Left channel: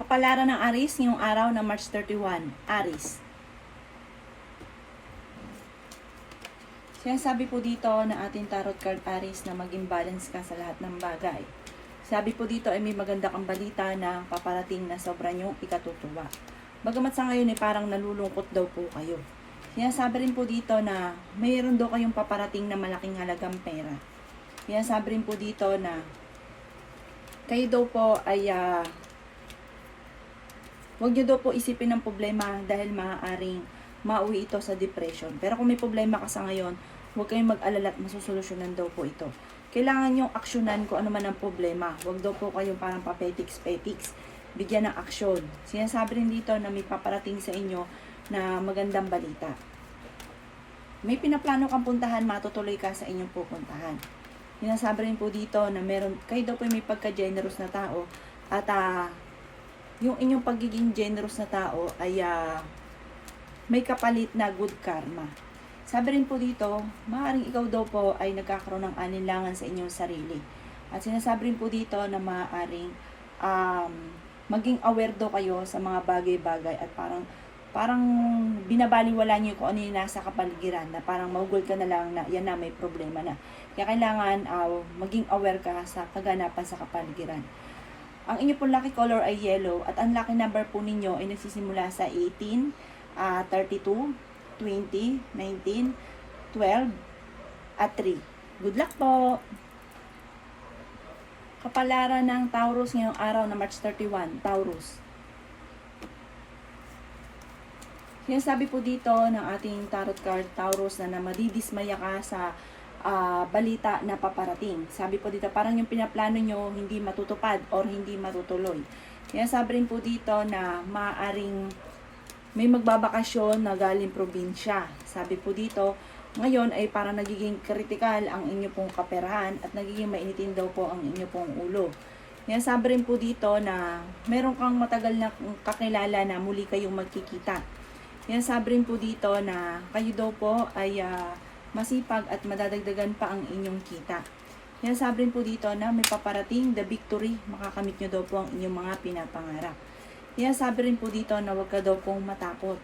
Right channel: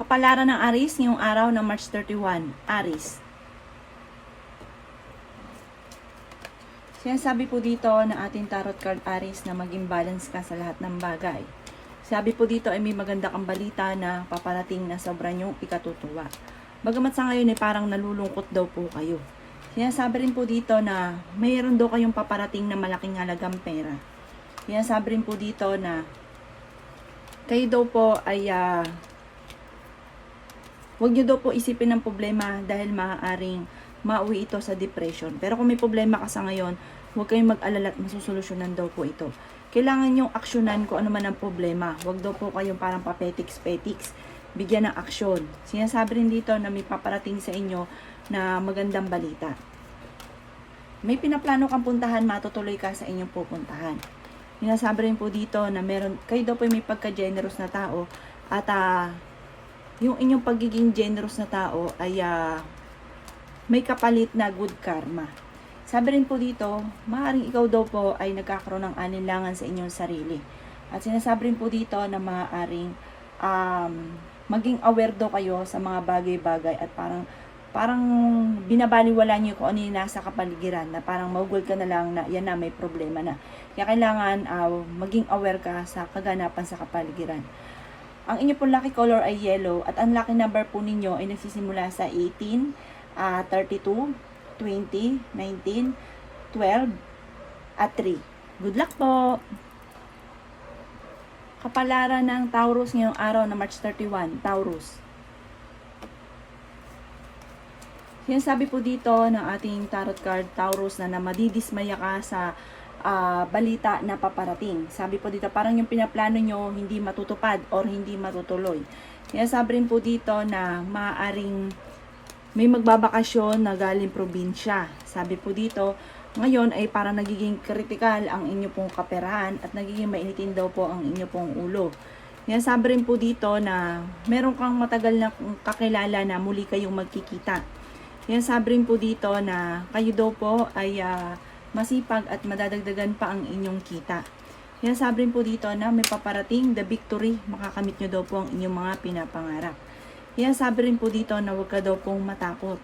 Kapalaran ng Aries ngayong araw ng March 31. Aries. Sinasabi po dito ng ating tarot card Aries na maging balance ka sa lahat ng bagay. Sabi po dito ay may maganda kang balita na paparating na sobrang yung ikatutuwa. Bagamat sa ngayon ay parang nalulungkot daw po kayo. Sinasabi rin po dito na mayroon daw kayong paparating na malaking halagang pera. Sinasabi rin po dito na kayo daw po ay huwag nyo daw po isipin ng problema dahil maaaring mauwi ito sa depression. Pero kung may problema ka sa ngayon, huwag kayong mag-alala at masusolusyonan daw po ito. Kailangan yung aksyonan kung ano man ang problema. Huwag daw po kayong parang papetiks-petiks. Bigyan ng aksyon. Sinasabi rin dito na may paparating sa inyo na magandang balita. May pinaplano kang puntahan, matutuloy ka sa inyong pupuntahan. Sinasabi rin po dito na kayo daw po may pagka-generous na tao at yung inyong pagiging generous na tao ay may kapalit na good karma. Sabi rin po dito, maaaring ikaw daw po ay nagkakaroon ng alinlangan sa inyong sarili. At sinasabi rin po dito na maaaring maging aware daw kayo sa mga bagay-bagay at parang binabaliwala niyo kung ano yung nasa kapaligiran na parang maugol ka na lang na yan na may problema na. Kaya kailangan maging aware ka sa kaganapan sa kapaligiran. Ang inyo pong lucky color ay yellow at ang lucky number po ninyo ay nagsisimula sa 18, 32, 20, 19, 12, at 3. Good luck po! Kapalaran ng Taurus ngayong araw na March 31, Taurus. Sinasabi po dito ng ating tarot card, Taurus, na madidismaya ka sa balita na paparating. Sabi po dito, parang yung pinaplano nyo hindi matutupad or hindi matutuloy. Sinasabi rin po dito na maaaring may magbabakasyon na galing probinsya. Sabi po dito, ngayon ay parang nagiging critical ang inyo pong kaperahan at nagiging mainitin daw po ang inyo pong ulo. Sinasabi rin po dito na meron kang matagal na kakilala na muli kayong magkikita. Sinasabi rin po dito na kayo daw po ay masipag at madadagdagan pa ang inyong kita. Sinasabi rin po dito na may paparating the victory, makakamit nyo daw po ang inyong mga pinapangarap. Sinasabi rin po dito na huwag ka daw pong matakot.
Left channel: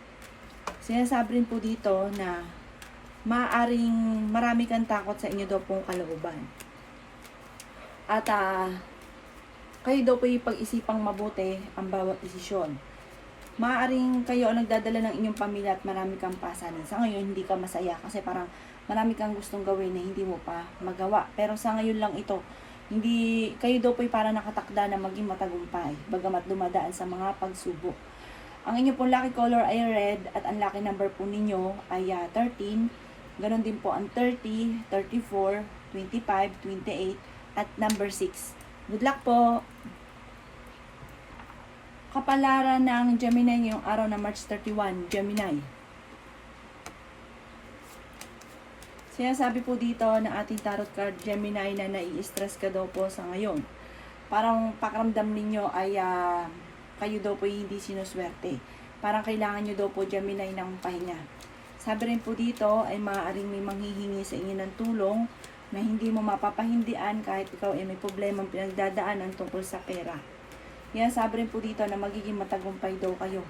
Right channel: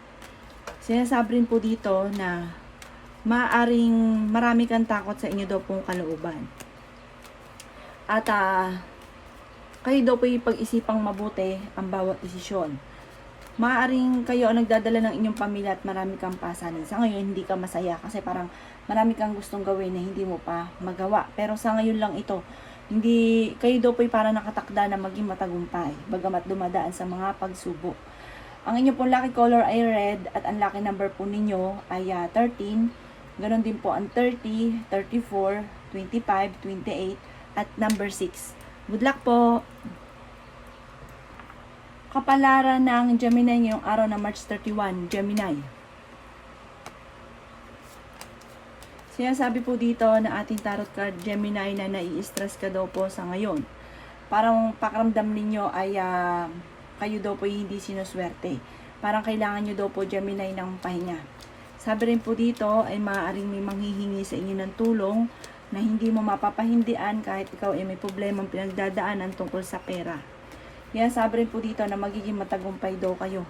Sinasabi rin po dito na maaaring marami kang takot sa inyo daw pong kalooban. At kayo daw po yung pag-isipang mabuti ang bawat desisyon. Maaaring kayo ang nagdadala ng inyong pamilya at marami kang pasanin. Sa ngayon, hindi ka masaya kasi parang marami kang gustong gawin na hindi mo pa magawa. Pero sa ngayon lang ito, hindi kayo daw po'y parang nakatakda na maging matagumpay, bagamat dumadaan sa mga pagsubok. Ang inyo pong lucky color ay red at ang lucky number po ninyo ay 13. Ganon din po ang 30, 34, 25, 28 at number 6. Good luck po! Kapalaran ng Gemini ngayong araw na March 31, Gemini. Sinasabi po dito na ating tarot card Gemini na nai-stress ka daw po sa ngayon. Parang pakiramdam ninyo ay kayo daw po hindi sinuswerte. Parang kailangan nyo daw po Gemini ng pahinga. Sabi rin po dito ay maaaring may manghihingi sa inyo ng tulong na hindi mo mapapahindian kahit ikaw ay may problemang pinagdadaanan tungkol sa pera. Kaya sabi rin po dito na magiging matagumpay daw kayo.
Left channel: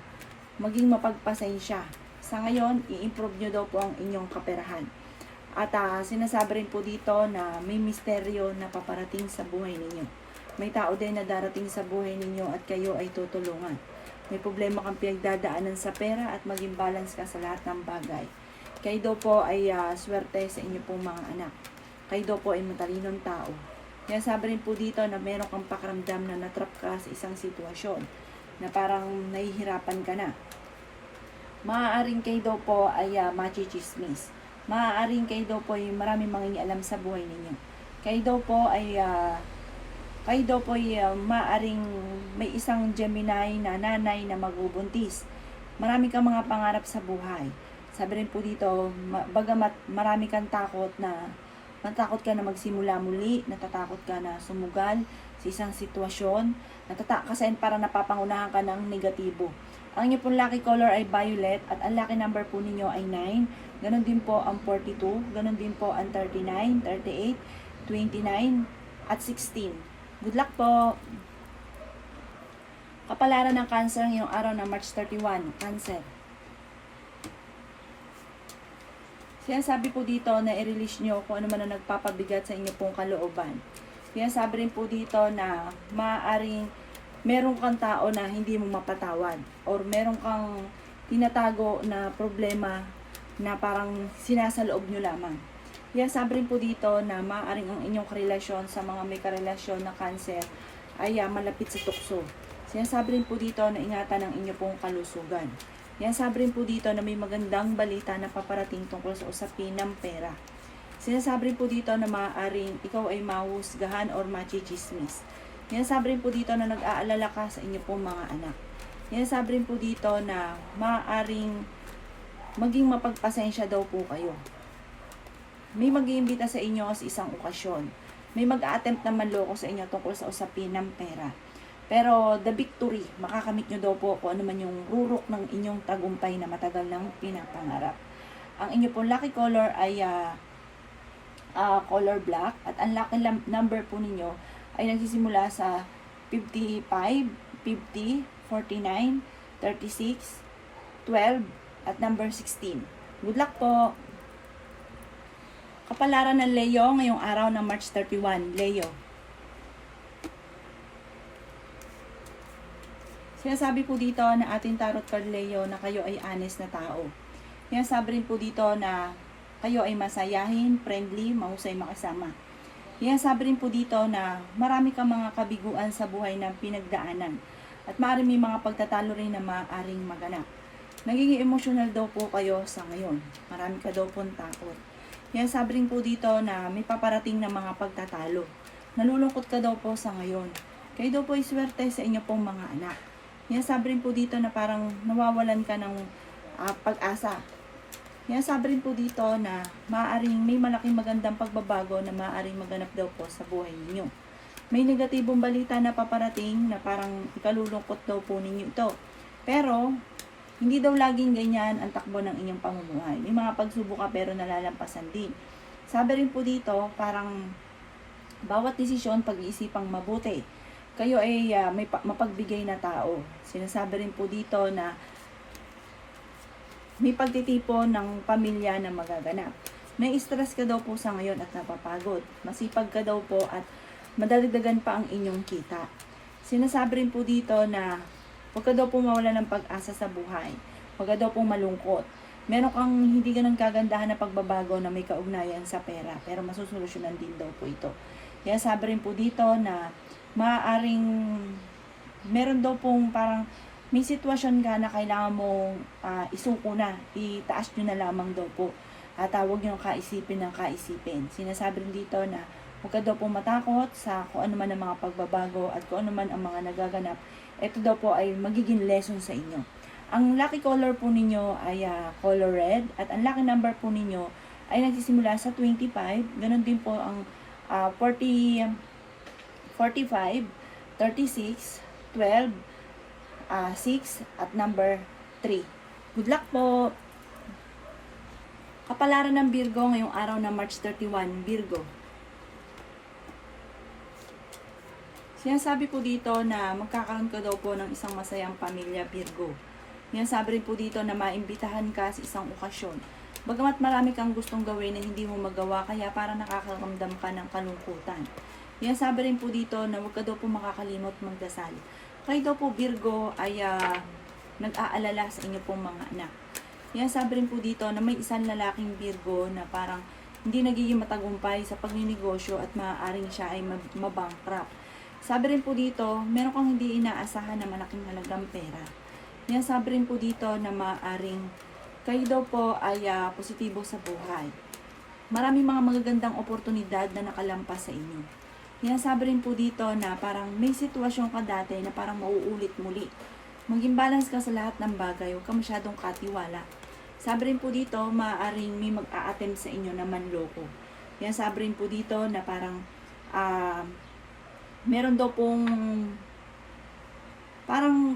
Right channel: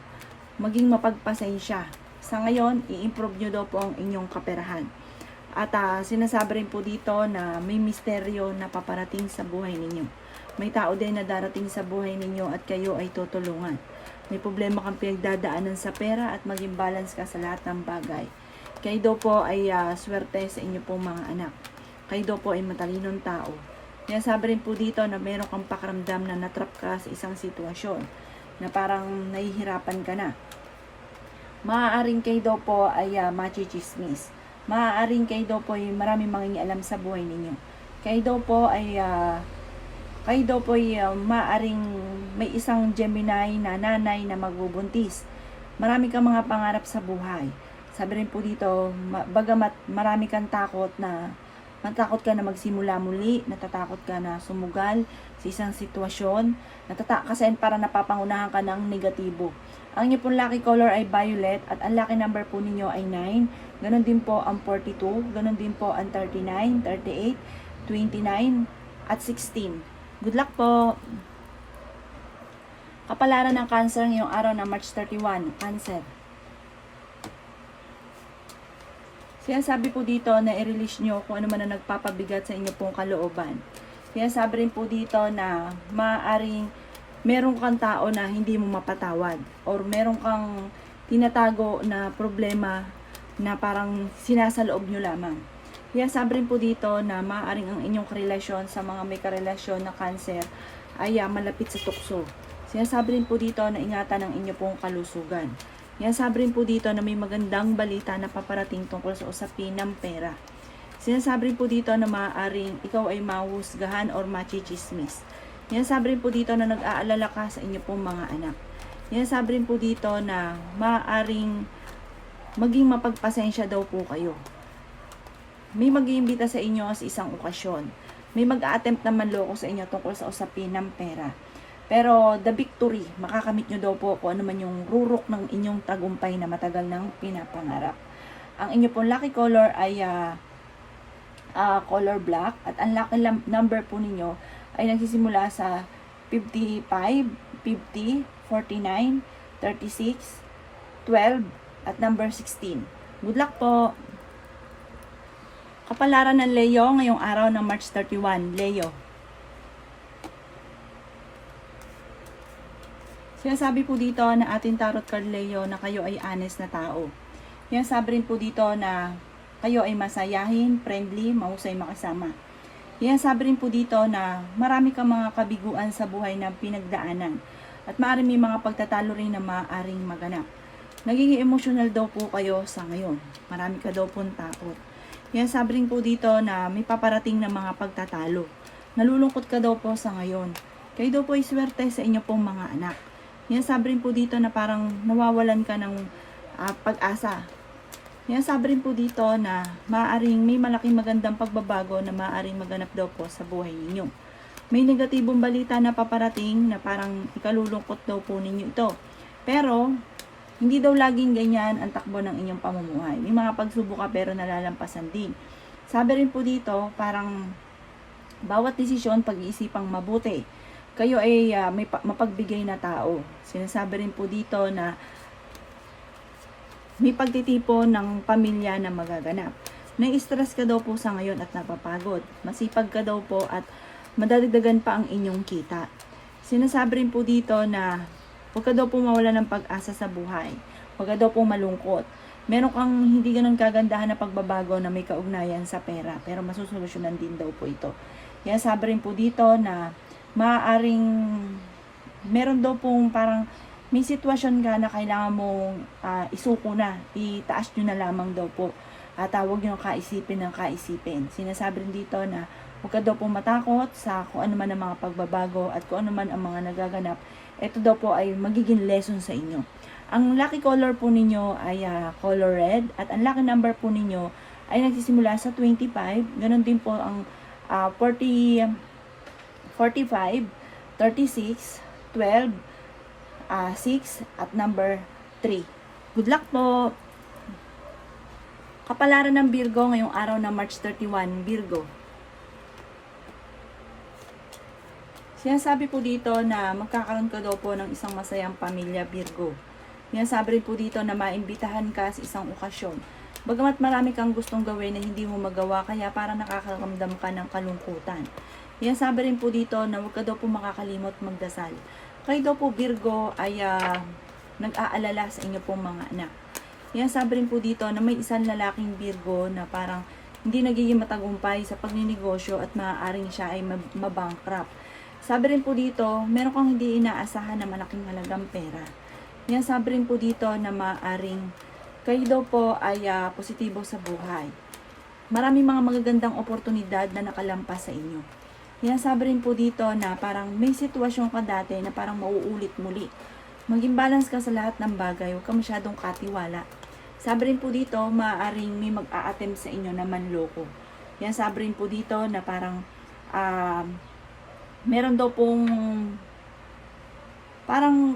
Maging mapagpasensya. Sa ngayon, i-improve nyo daw po ang inyong kaperahan. At sinasabi rin po dito na may misteryo na paparating sa buhay ninyo. May tao din na darating sa buhay ninyo at kayo ay tutulungan. May problema kang pinagdadaanan sa pera at maging balance ka sa lahat ng bagay. Kayo daw po ay swerte sa inyo pong mga anak. Kayo daw po ay matalinong tao. Kaya sabi rin po dito na meron kang pakiramdam na natrap ka sa isang sitwasyon na parang nahihirapan ka na. Maaaring kayo daw po ay machichismis. Maaaring kayo daw po ay maraming mangingialam sa buhay ninyo. Kayo daw po ay maaaring may isang Gemini na nanay na magbubuntis. Marami kang mga pangarap sa buhay. Sabi rin po dito, bagamat marami kang takot na natakot ka na magsimula muli, natatakot ka na sumugal sa isang sitwasyon, kasi parang napapangunahan ka ng negatibo. Ang inyo pong lucky color ay violet at ang lucky number po ninyo ay 9. Ganon din po ang 42, ganon din po ang 39, 38, 29, at 16. Good luck po! Kapalaran ng Cancer ngayong araw na March 31, Cancer. Sinasabi po dito na i-release nyo kung ano man ang nagpapabigat sa inyo pong kalooban. Sinasabi rin po dito na maaaring meron kang tao na hindi mo mapatawad or meron kang tinatago na problema na parang sinasaloob nyo lamang. Sinasabi rin po dito na maaaring ang inyong karelasyon sa mga may karelasyon na Cancer ay malapit sa tukso. Sinasabi rin po dito na ingatan ang inyo pong kalusugan. Sinasabi rin po dito na may magandang balita na paparating tungkol sa usapin ng pera. Sinasabi rin po dito na maaaring ikaw ay mahuhusgahan or machichismis. Sinasabi rin po dito na nag-aalala ka sa inyo pong mga anak. Sinasabi rin po dito na maaaring maging mapagpasensya daw po kayo. May mag-iimbita sa inyo sa isang okasyon. May mag-a-attempt na manloko sa inyo tungkol sa usapin ng pera. Pero the victory, makakamit nyo daw po kung ano man yung rurok ng inyong tagumpay na matagal nang pinapangarap. Ang inyo pong lucky color ay color black at ang lucky number po ninyo ay nagsisimula sa 55, 50, 49, 36, 12 at number 16. Good luck po! Kapalaran ng Leo ngayong araw ng March 31, Leo. Sinasabi po dito na ating tarot card Leo na kayo ay honest na tao. Sinasabi rin po dito na kayo ay masayahin, friendly, mahusay makasama. Sinasabi rin po dito na marami kang mga kabiguan sa buhay ng pinagdaanan at maaaring may mga pagtatalo rin na maaaring maganap. Nagiging emotional daw po kayo sa ngayon. Marami ka daw pong takot. Sinasabi rin po dito na may paparating na mga pagtatalo. Nalulungkot ka daw po sa ngayon. Kayo daw po ay swerte sa inyo pong mga anak. Sinasabi rin po dito na parang nawawalan ka ng pag-asa. Sinasabi rin po dito na maaaring may malaking magandang pagbabago na maaaring maganap daw po sa buhay ninyo. May negatibong balita na paparating na parang ikalulungkot daw po ninyo ito. Pero, hindi daw laging ganyan ang takbo ng inyong pamumuhay. May mga pagsubok ka pero nalalampasan din. Sabi rin po dito, parang bawat desisyon pag-iisipang mabuti. Kayo ay may mapagbigay na tao. Sinasabi rin po dito na may pagtitipon ng pamilya na magaganap. Nai-stress ka daw po sa ngayon at napapagod. Masipag ka daw po at madagdagan pa ang inyong kita. Sinasabi rin po dito na huwag ka daw po mawala ng pag-asa sa buhay. Huwag ka daw po malungkot. Meron kang hindi ganun kagandahan na pagbabago na may kaugnayan sa pera. Pero masusolusyonan din daw po ito. Sinasabi rin po dito na maaaring meron daw pong parang may sitwasyon ka na kailangan mong isuko na, itaas nyo na lamang daw po at huwag nyo kaisipin ng kaisipin. Sinasabi rin dito na huwag ka daw pong matakot sa kung ano man ang mga pagbabago at kung ano man ang mga nagaganap. Ito daw po ay magiging lesson sa inyo. Ang lucky color po ninyo ay color red at ang lucky number po ninyo ay nagsisimula sa 25. Ganon din po ang 45, 36, 12, 6, at number 3. Good luck po! Kapalaran ng Virgo ngayong araw na March 31, Virgo. Sinasabi po dito na magkakaroon ka daw po ng isang masayang pamilya, Virgo. Sinasabi rin po dito na maimbitahan ka sa isang okasyon. Bagamat marami kang gustong gawin na hindi mo magawa, kaya parang nakakaramdam ka ng kalungkutan. Sinasabi rin po dito na huwag ka daw po makakalimot magdasal. Kayo daw po Virgo ay nag-aalala sa inyo pong mga anak. Sinasabi rin po dito na may isang lalaking Virgo na parang hindi nagiging matagumpay sa pagninegosyo at maaaring siya ay mabankrupt. Sabi rin po dito, meron kang hindi inaasahan na malaking halagang pera. Sinasabi rin po dito na maaaring kayo daw po ay positibo sa buhay. Maraming mga magagandang oportunidad na nakalampas sa inyo. Sinasabi rin po dito na parang may sitwasyon ka dati na parang mauulit muli. Maging balance ka sa lahat ng bagay, huwag ka masyadong katiwala. Sabi rin po dito, maaaring may mag-a-attempt sa inyo na manloko. Sinasabi rin po dito na parang meron daw pong parang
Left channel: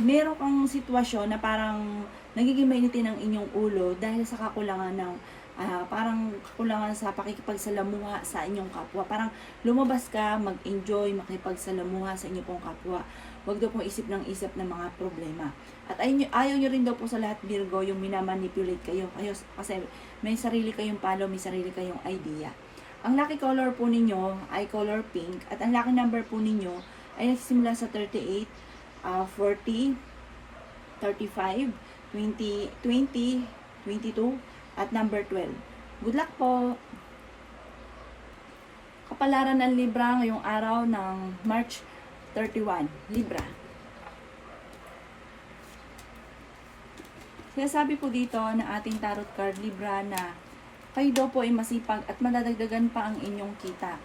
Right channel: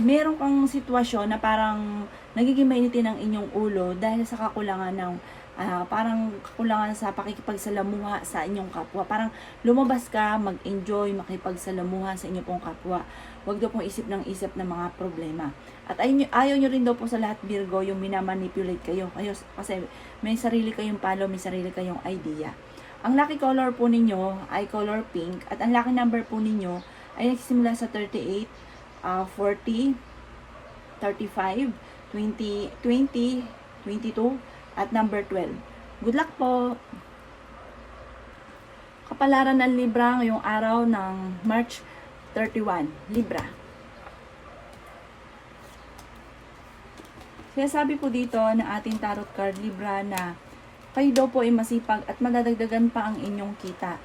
meron kang sitwasyon na parang nagiging mainitin ang inyong ulo dahil sa kakulangan ng parang kakulangan sa pakikipagsalamuha sa inyong kapwa. Parang lumabas ka, mag-enjoy, makipagsalamuha sa inyong pong kapwa. Huwag daw pong isip ng isip ng mga problema. At ayaw nyo rin daw po sa lahat, Virgo, yung minamanipulate kayo. Kasi may sarili kayong palo, may sarili kayong idea. Ang lucky color po ninyo ay color pink. At ang lucky number po ninyo ay nagsisimula sa 38, 40, 35, 20, 20, 22, at number 12. Good luck po! Kapalaran ng Libra ngayong araw ng March 31. Libra. Sinasabi po dito ng ating tarot card Libra na kayo daw po ay masipag at madadagdagan pa ang inyong kita.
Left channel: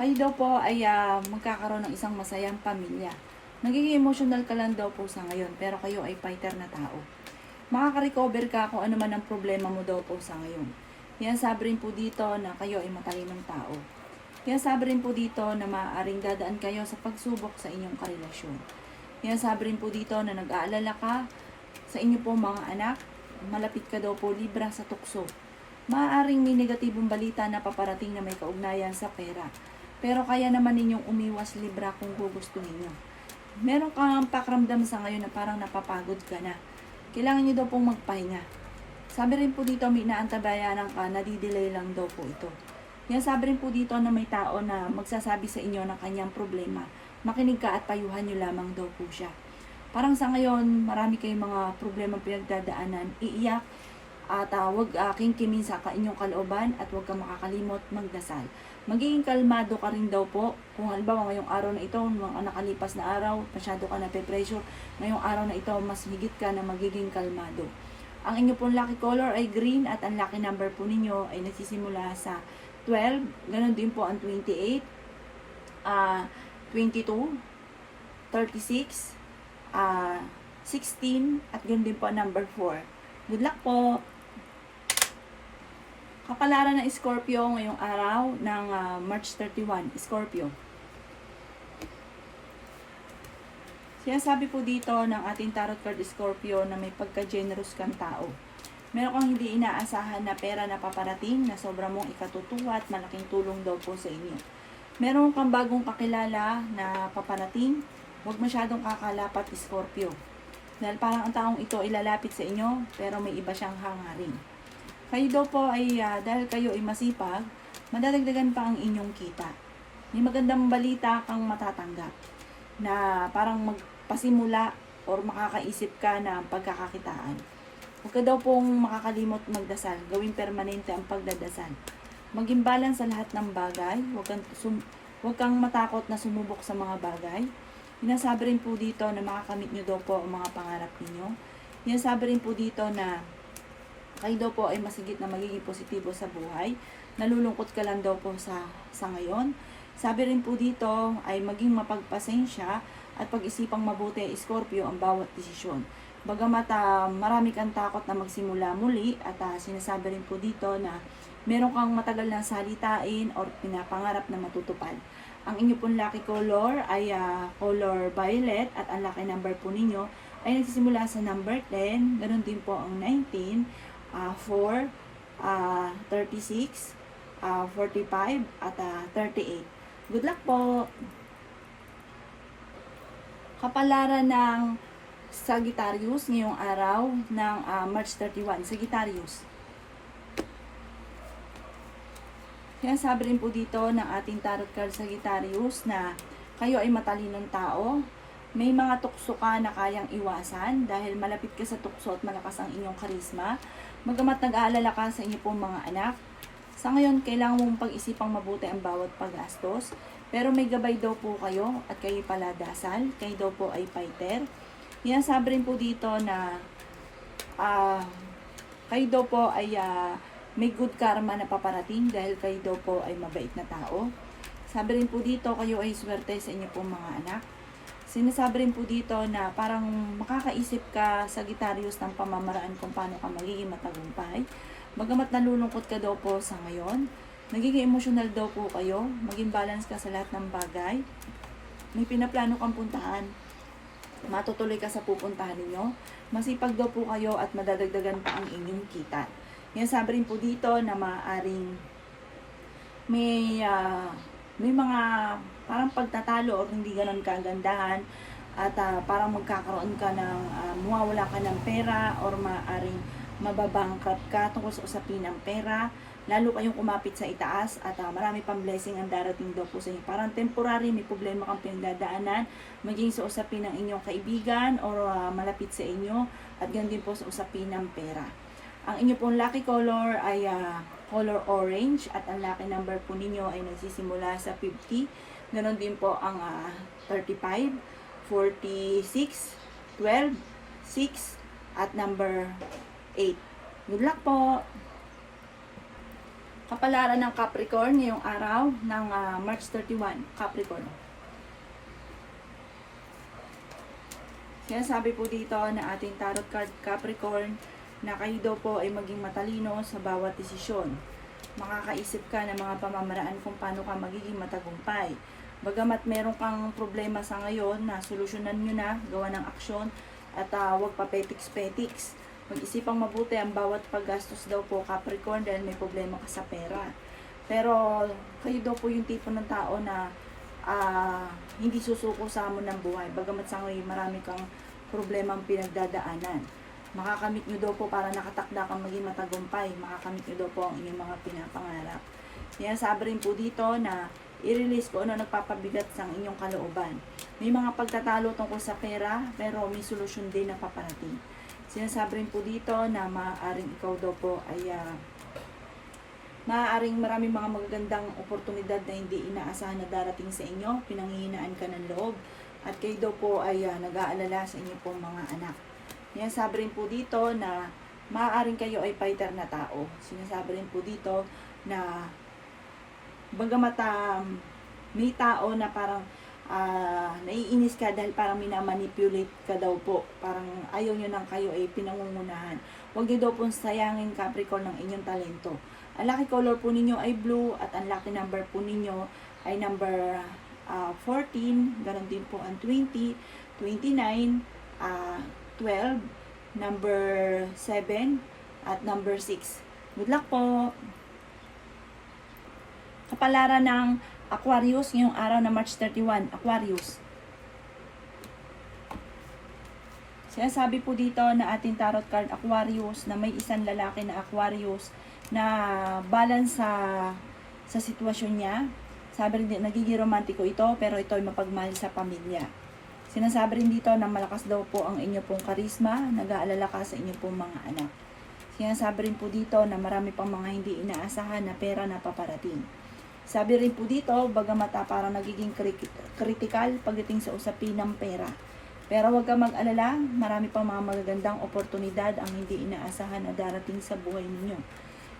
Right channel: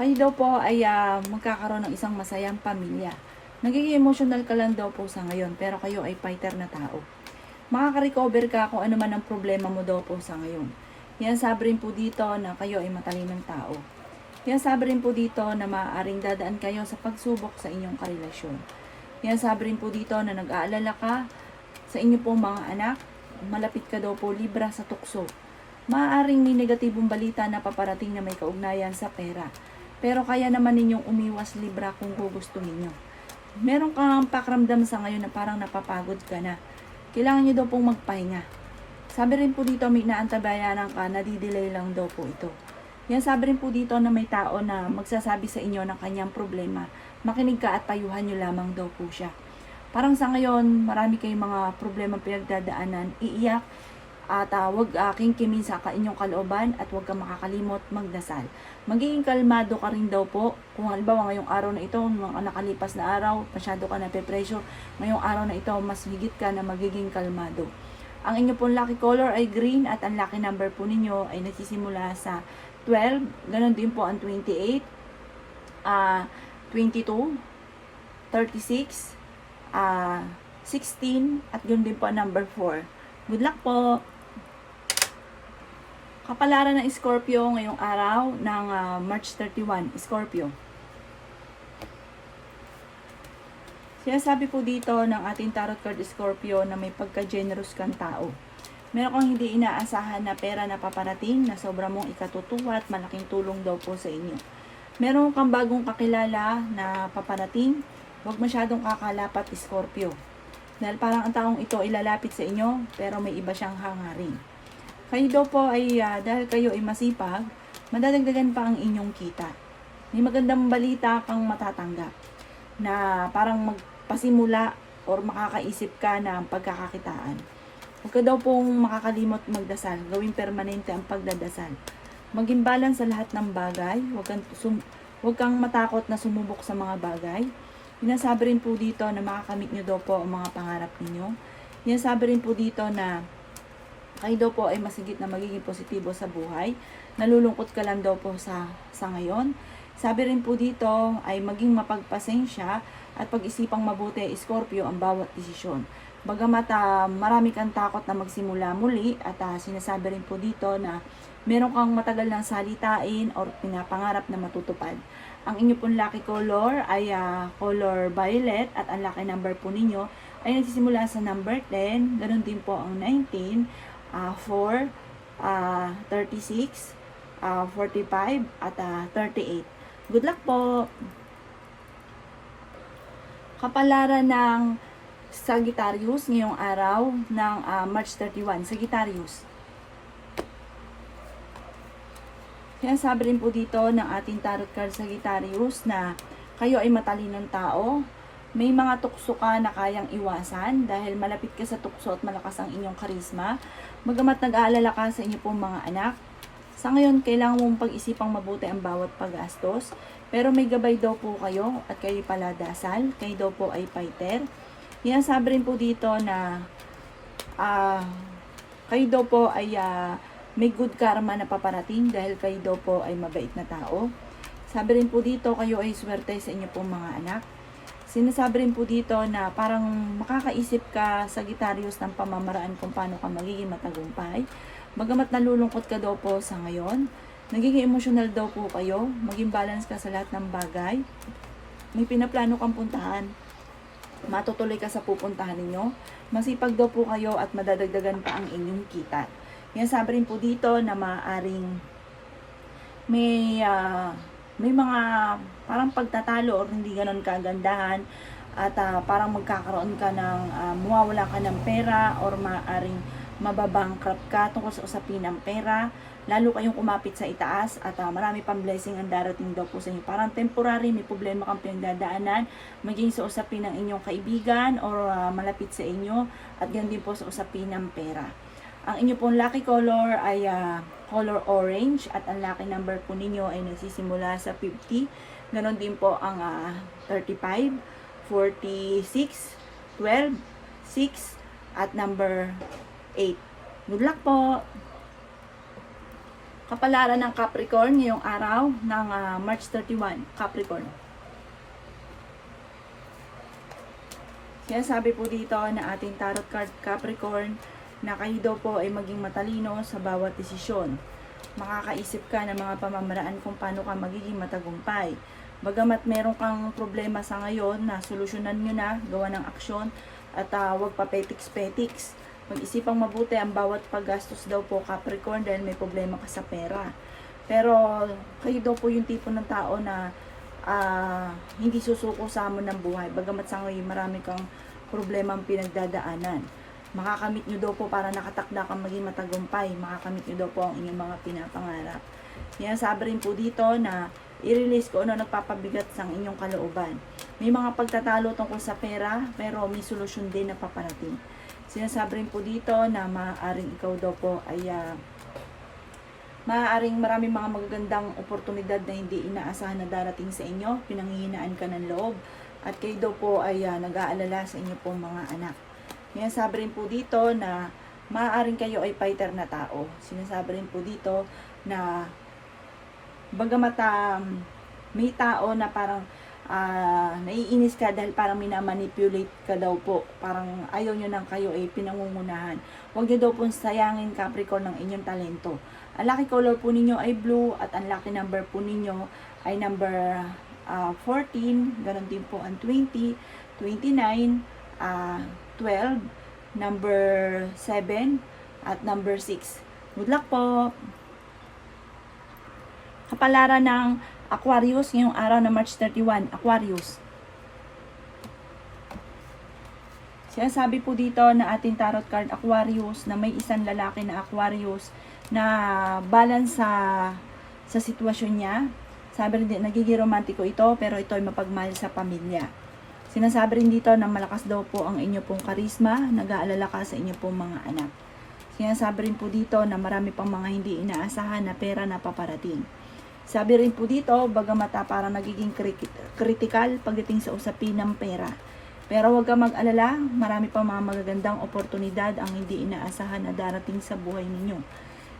Kayo daw po ay magkakaroon ng isang masayang pamilya. Nagiging emotional ka lang daw po sa ngayon, pero kayo ay fighter na tao. Makaka-recover ka kung ano man ang problema mo daw po sa ngayon. Yan sabi rin po dito na kayo ay matalinong tao. Yan sabi rin po dito na maaaring dadaan kayo sa pagsubok sa inyong karelasyon. Yan sabi rin po dito na nag-aalala ka sa inyo pong mga anak. Malapit ka daw po Libra sa tukso. Maaaring may negatibong balita na paparating na may kaugnayan sa pera. Pero kaya naman ninyong umiwas Libra kung gugustuhin nyo. Meron kang pakiramdam sa ngayon na parang napapagod ka na. Kailangan nyo daw pong magpahinga. Sabi rin po dito may naantabayanan ka, nadidelay lang daw po ito. Yan sabi rin po dito na may tao na magsasabi sa inyo ng kanyang problema. Makinig ka at payuhan nyo lamang daw po siya. Parang sa ngayon, marami kayong mga problema pinagdadaanan, iiyak, at huwag kingkimin sa inyong kalooban at huwag kang makakalimot magdasal. Magiging kalmado ka rin daw po. Kung halimbawa ngayong araw na ito, mga nakalipas na araw, masyado ka na pe-pressure, ngayong araw na ito, mas higit ka na magiging kalmado. Ang inyo pong lucky color ay green at ang lucky number po ninyo ay nagsisimula sa 12, ganon din po ang 28, 22, 36, 16, at ganon din po ang number 4. Good luck po! Kapalaran ng Scorpio ngayong araw ng March 31, Scorpio. Sinasabi po dito ng ating tarot card Scorpio na may pagka-generous kang tao. Meron kang hindi inaasahan na pera na paparating na sobra mong ikatutuwa at malaking tulong daw po sa inyo. Meron kang bagong kakilala na paparating, huwag masyadong kakalapat Scorpio. Dahil parang ang taong ito ay lalapit sa inyo pero may iba siyang hangarin. Kayo daw po ay dahil kayo ay masipag, madadagdagan pa ang inyong kita. May magandang balita kang matatanggap na parang magpasimula or makakaisip ka ng pagkakakitaan. Huwag ka daw pong makakalimot magdasal. Gawing permanente ang pagdadasal. Maging balance sa lahat ng bagay. Huwag kang matakot na sumubok sa mga bagay. Sinasabi rin po dito na makakamit nyo daw po ang mga pangarap ninyo. Sinasabi rin po dito na kayo daw po ay masigit na magiging positibo sa buhay. Nalulungkot ka lang daw po sa ngayon. Sabi rin po dito ay maging mapagpasensya at pag-isipang mabuti Scorpio ang bawat desisyon. Bagamat marami kang takot na magsimula muli at sinasabi rin po dito na meron kang matagal ng salitain or pinapangarap na matutupad. Ang inyo pong lucky color ay color violet at ang lucky number po ninyo ay nagsisimula sa number 10, ganun din po ang 19, 4, 36, 45 at 38. Good luck po! Kapalaran ng Sagittarius ngayong araw ng March 31. Sagittarius. Sinasabi rin po dito ng ating tarot card Sagittarius na kayo ay matalinong tao. May mga tukso ka na kayang iwasan dahil malapit ka sa tukso at malakas ang inyong karisma. Bagamat nag-aalala ka sa inyong pong mga anak, sa ngayon kailangan mong pag-isipang mabuti ang bawat paggastos. Pero may gabay daw po kayo at kayo pala dasal. Kayo daw po ay fighter. Sinasabi rin po dito na kayo daw po ay may good karma na paparating dahil kayo daw po ay mabait na tao. Sabi rin po dito kayo ay swerte sa inyo pong mga anak. Sinasabi rin po dito na parang makakaisip ka Sagittarius ng pamamaraan kung paano ka magiging matagumpay. Bagamat nalulungkot ka daw po sa ngayon, nagiging emotional daw po kayo, maging balance ka sa lahat ng bagay. May pinaplano kang puntahan, matutuloy ka sa pupuntahan ninyo. Masipag daw po kayo at madadagdagan pa ang inyong kita. Yan sabi rin po dito na maaaring may mga parang pagtatalo o hindi ganun kagandahan at parang magkakaroon ka ng mawawala ka ng pera or maaring mababankrupt ka tungkol sa usapin ng pera. Lalo kayong kumapit sa itaas at marami pang blessing ang darating daw po sa inyo. Parang temporary, may problema kang pinagdadaanan, maging sa usapin ng inyong kaibigan or malapit sa inyo, at ganoon din po sa usapin ng pera. Ang inyo pong lucky color ay color orange, at ang lucky number po ninyo ay nagsisimula sa 50. Ganoon din po ang 35, 46, 12, 6, at number 8. Good luck po! Kapalaran ng Capricorn ngayong araw ng March 31, Capricorn. Sinasabi po dito na ating tarot card Capricorn na kayo daw po ay maging matalino sa bawat desisyon. Makakaisip ka ng mga pamamaraan kung paano ka magiging matagumpay. Bagamat meron kang problema sa ngayon na solusyonan nyo na, gawa ng aksyon, at huwag pa petiks-petiks. Mag-isipang mabuti ang bawat paggastos daw po Capricorn dahil may problema ka sa pera. Pero kayo daw po yung tipo ng tao na hindi susuko sa hamon ng buhay. Bagamat sa ngayon marami kang problemang pinagdadaanan. Makakamit nyo daw po para nakatakda kang maging matagumpay. Makakamit nyo daw po ang inyong mga pinapangarap. Yan, sabi rin po dito na i-release ko ano nagpapabigat sa inyong kalooban. May mga pagtatalo tungkol sa pera pero may solusyon din na paparating. Sinasabi rin po dito na maaaring ikaw daw po ay maaaring maraming mga magagandang oportunidad na hindi inaasahan na darating sa inyo. Pinanghihinaan ka ng loob at kayo daw po ay nag-aalala sa inyo pong mga anak. Sinasabi rin po dito na maaaring kayo ay fighter na tao. Sinasabi rin po dito na bagamat may tao na parang naiinis ka dahil parang minamanipulate ka daw po. Parang ayaw nyo nang kayo ay pinangungunahan. Huwag nyo daw pong sayangin Capricorn ng inyong talento. Ang lucky color po ninyo ay blue at ang lucky number po ninyo ay number 14. Ganon din po ang 20, 29, 12, number 7, at number 6. Good luck po! Kapalaran ng Aquarius ngayong araw na March 31, Aquarius. Sinasabi po dito na ating tarot card Aquarius na may isang lalaki na Aquarius na balance sa sitwasyon niya. Sabi rin, nagiging romantiko ito pero ito ay mapagmahal sa pamilya. Sinasabi rin dito na malakas daw po ang inyo pong karisma, nag-aalala ka sa inyo pong mga anak. Sinasabi rin po dito na marami pang mga hindi inaasahan na pera na paparating. Sabi rin po dito, bagamat parang nagiging critical pagdating sa usapin ng pera. Pero huwag kang mag-alala, marami pang mga magagandang oportunidad ang hindi inaasahan na darating sa buhay ninyo.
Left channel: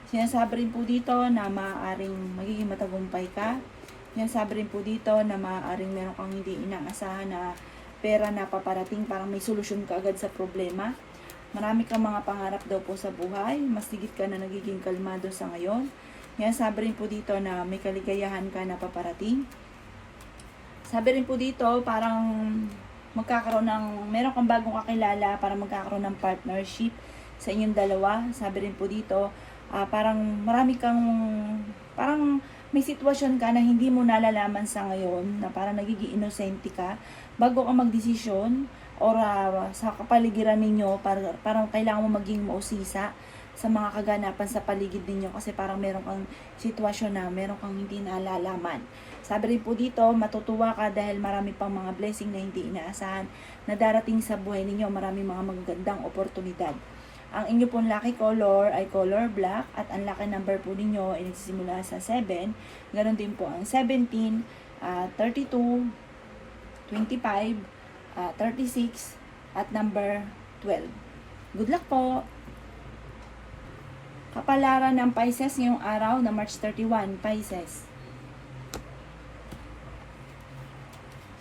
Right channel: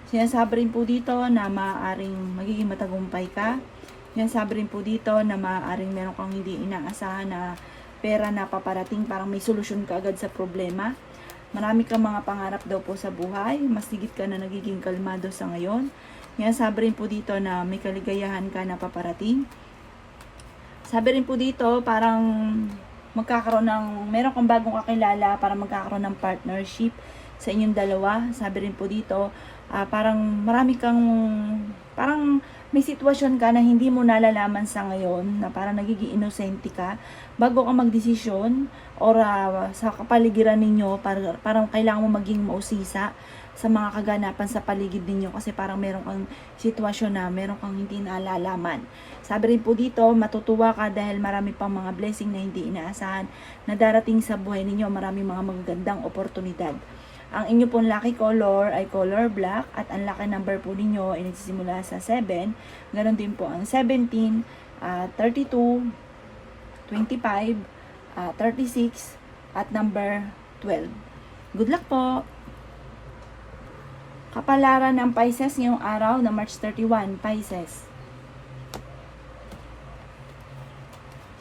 Sinasabi rin po dito na maaaring magiging matagumpay ka. Sinasabi rin po dito na maaaring meron kang hindi inaasahan na pera na paparating, parang may solusyon ka agad sa problema. Marami kang mga pangarap daw po sa buhay, mas higit ka na nagiging kalmado sa ngayon. Sabi rin po dito na may kaligayahan ka na paparating. Sabi rin po dito, parang magkakaroon ng, meron kang bagong kakilala para magkakaroon ng partnership sa inyong dalawa. Sabi rin po dito, parang marami kang, parang may sitwasyon ka na hindi mo nalalaman sa ngayon, na parang nagiging inosente ka, bago ka magdesisyon, or sa kapaligiran ninyo, parang kailangan mo maging mausisa sa mga kaganapan sa paligid ninyo kasi parang meron kang sitwasyon na meron kang hindi nalalaman. Sabi rin po dito, matutuwa ka dahil marami pang mga blessing na hindi inaasahan na darating sa buhay ninyo, marami mga magagandang oportunidad. Ang inyo pong lucky color ay color black at ang lucky number po ninyo ay nagsisimula sa 7. Ganon din po ang 17, 32, 25, 36 at number 12. Good luck po! Kapalaran ng Pisces ngayong araw na March 31, Pisces.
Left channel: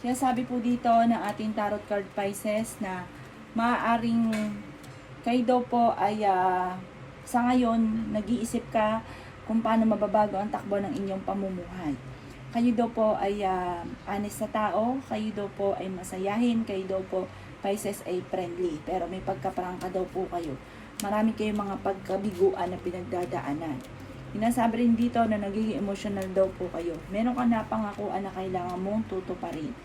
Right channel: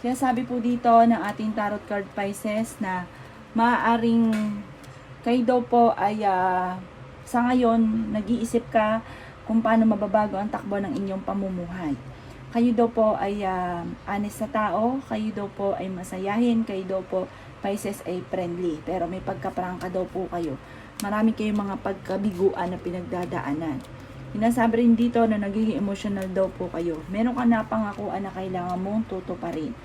Sinasabi po dito ng ating tarot card Pisces na maaaring kayo daw po ay sa ngayon nag-iisip ka kung paano mababago ang takbo ng inyong pamumuhay. Kayo daw po ay honest na tao, kayo daw po ay masayahin, kayo daw po Pisces ay friendly, pero may pagkaprangka daw po kayo. Marami kayong mga pagkabiguan na pinagdadaanan. Sinasabi rin dito na nagiging emotional daw po kayo. Meron ka na pangakuan na kailangan mong tutuparin.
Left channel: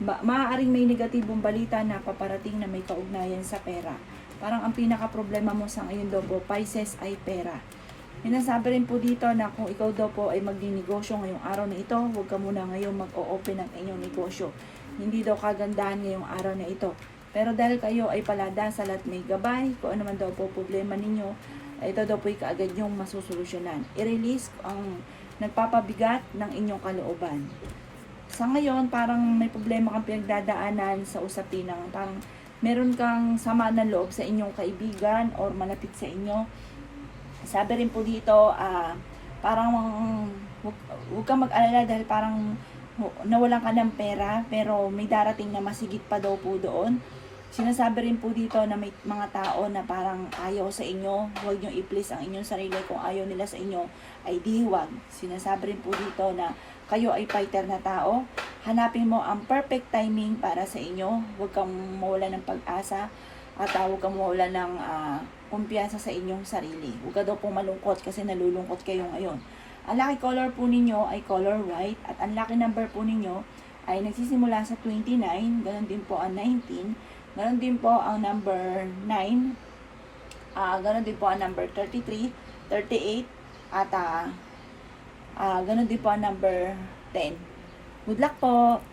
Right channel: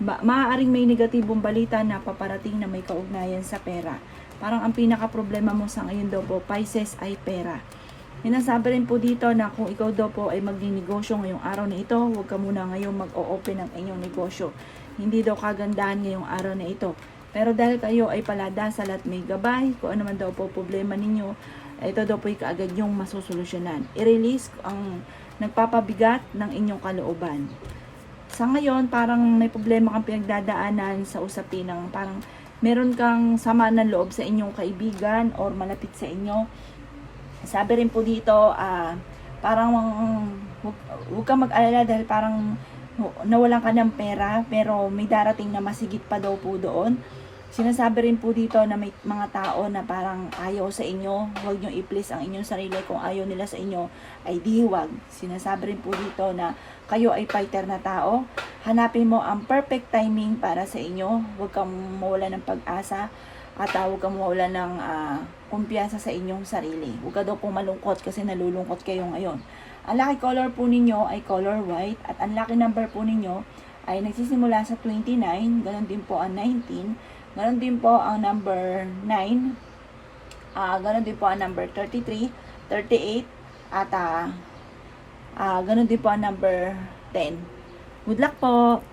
maaaring may negatibong balita na paparating na may kaugnayan sa pera. Parang ang pinaka-problema mo sa ngayon daw po, Pisces, ay pera. Sinasabi rin po dito na kung ikaw daw po ay magninegosyo ngayong araw na ito, huwag ka muna ngayon mag-o-open ng inyong negosyo. Hindi daw kagandahan ngayong araw na ito. Pero dahil kayo ay paladasal at may gabay, kung ano man daw po problema ninyo, ito daw po ay kaagad yung masusolusyonan. I-release ang nagpapabigat ng inyong kalooban. Sa ngayon, parang may problema kang pinagdadaanan sa usapin ng parang meron kang sama ng loob sa inyong kaibigan or malapit sa inyo. Sabi rin po dito, parang huwag kang mag-alala dahil parang nawalan ka ng pera pero may darating na masigit pa daw po doon. Sinasabi rin po dito na may mga tao na parang ayaw sa inyo, huwag nyo i-please ang inyong sarili. Kung ayaw nila sa inyo ay di huwag. Sinasabi rin po dito na kayo ay fighter na tao. Hanapin mo ang perfect timing para sa inyo. Huwag kang mawala ng pag-asa at huwag kang mawala ng kumpiyansa sa inyong sarili. Huwag ka daw pong malungkot kasi nalulungkot kayo ngayon. Ang lucky color po ninyo ay color white at ang lucky number po ninyo ay nagsisimula sa 29, ganoon din po ang 19, ganoon din po ang number 9, ganoon din po ang number 33, 38, at ganoon din po ang number 10. Good luck po!